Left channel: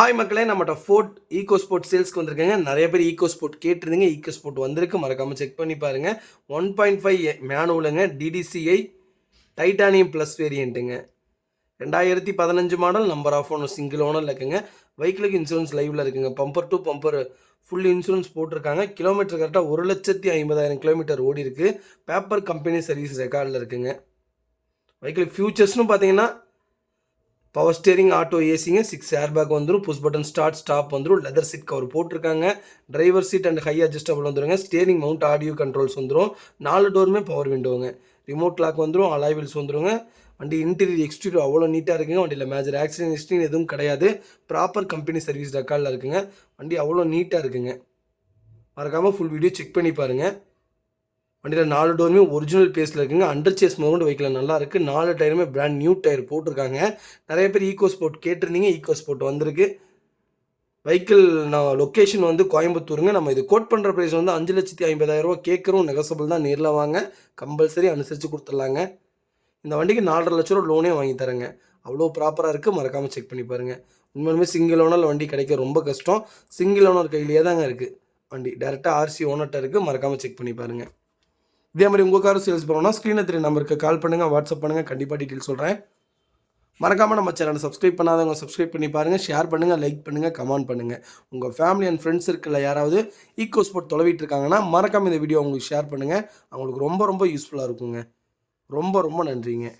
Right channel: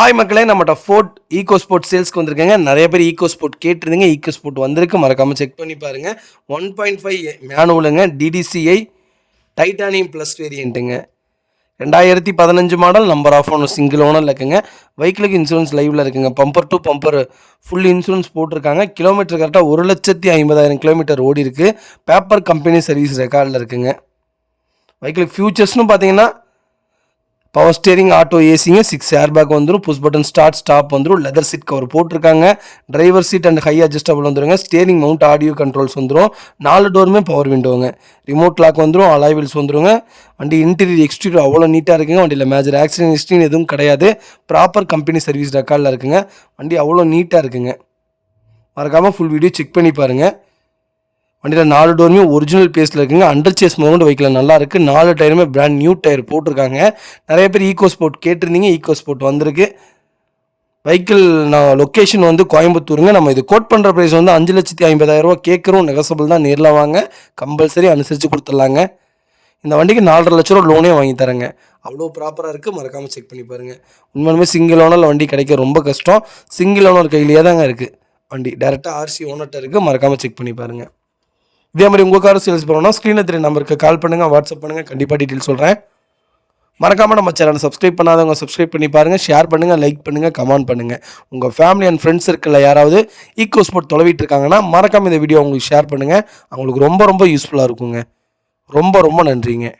Hi மக்களே, நம்மகிட்ட Ford EcoSport சேல்ஸ்க்கு வந்திருக்கேங்க. நிறைய பேர் ஈகோ ஸ்போர்ட் கேட்டிருந்தீங்க. ஈகோ ஸ்போர்ட் வந்திருக்கு, மறக்காமல் செக் பண்ணி பாருங்கள். 1.5 மேனுவலுங்க, டிடிசிஐ டைட்டானியம் ப்ளஸ் வேரியண்ட்டுங்க. 2015 மாடல், நம்பர் ஆஃப் ஒன்று சிங்கிள் ஓனரில் இருக்குங்க. வெஹிக்கிளுக்கு இன்சூரன்ஸ் லைவில் இருக்குங்க. Bumper to bumper full insurance போட்டிருக்காங்க. கிலோமீட்டர் கரெக்டாக 1,50,000 கிலோமீட்டர் ஓடி இருக்குது. பேப்பர் கம்பெனி சர்வீஸ் ரெக்கார்டில் இருக்குங்க. வெஹிக்கிளுக்கு ஃபியூச்சர்ஸ்னு பார்த்தீங்கன்னா பவர் ஸ்டேரிங், ஆட்டோ ஏசிங்க, 6 ஏர் பேக் வந்துடும், புஷ் பட்டன் ஸ்டார்ட் ஸ்டாப் வந்துடும், லெதர் சீட் கவர் போட்டிருக்காங்க. Driver seat and high adjustable வந்துடுங்க. ஸ்டேரிங் மவுண்ட் ஆடியோ கண்ட்ரோல்ஸ் வந்துடும். 4 டோருமே பவர் விண்டோங்க. ரிமோட் லாக் வந்துடும். அலாய் வீல்ஸ் வந்துடுங்க. வண்டி இன்டீரியர் எக்ஸ்டீரியர் அவ்வளோ நீட்டாக இருக்குங்க. வண்டியில் மேஜர் ஆக்சிடென்ட் ஹிஸ்ட்ரின்னு எதுவும் கிடையாது. ப்ராப்பர் கம்பெனி சர்வீஸ் ரெக்கார்டில் இருக்குங்க. வண்டி அவ்வளோ நீட்டாக இருக்குங்க. மறக்காமல் ஃபுல் வீடியோ செக் பண்ணி பாருங்கள். வண்டியில் 4 டோருமே ஒரிஜினல் பேஸில் இருக்குங்க. அண்டர் சேஸ் மவுண்ட் வெஹிக்கிள் நல்லா இருக்குது. 4 டயருமே பிராண்ட் நியூ டயர் போட்டிருக்காங்க. நிறைய பேர் ஈகோ ஸ்போர்ட் கேட்டிருந்தீங்க. ஈகோ ஸ்போர்ட் வந்திருக்கு. வெஹிக்கிள் லொக்கேஷன் வந்து கோயம்புத்தூருங்க. நம்ம இது கோட் பண்ணுற ப்ரைஸ் வந்து 5,50,000 கேட்குறோம். நெகசபிள் தான், நேரில் வாங்க, கம்பல்சரி அனுசரித்து கொடுத்துடலாங்க. இந்த வண்டிக்கு 4,50,000 லட்ச லோனே வாங்கி தரேங்க. அவ்வளோ ப்ராப்பராக இருக்குது. மறக்காமல் செக் பண்ணி பாருங்கள். உண்மையுமே சிங்கிள் ஓனரில் வண்டி கிடைக்க ரொம்ப கஷ்டம். சிங்கிள் ஓனர் கையிலேயே தாங்க இருக்குது வண்டி. டேரெக்டாக ஆர்சி ஓனர்கிட்ட இருக்குது. மறக்காமல் செக் பண்ணி பாருங்கள். இதே மாதிரி உங்கள் கார் சேல்ஸ் பண்ணணும்னா ஸ்க்ரீனில் தெரிய நம்பருக்கு கால் பண்ணுங்கள், வாட்ஸ்அப் பண்ணுங்கள். கண்டிப்பாக டீட்டெயில் சொல்கிறேன். மறக்காமல் நம்ம சேனலை சப்ஸ்கிரைப் பண்ணாதவங்க சப்ஸ்கிரைப் பண்ணி பாருங்கள். ஷேர் பண்ணுங்கள், லைக் பண்ணுங்கள், கமெண்ட் பண்ணுங்கள். உங்கள் ஃபேமிலி அண்ட் ஃப்ரெண்ட்ஸ் சர்க்கிளில் யாராவது ஈகோ ஸ்போர்ட் தொலைவிட்டு இருக்காங்கன்னா மறக்காமல் இந்த வீடியோ உங்களுக்கு ஷேர் பண்ணுங்கள். அவங்களுக்கு ரொம்ப ரொம்ப யூஸ்ஃபுல்லாக இருக்குங்க. ரொம்ப ரொம்ப நன்றிங்க.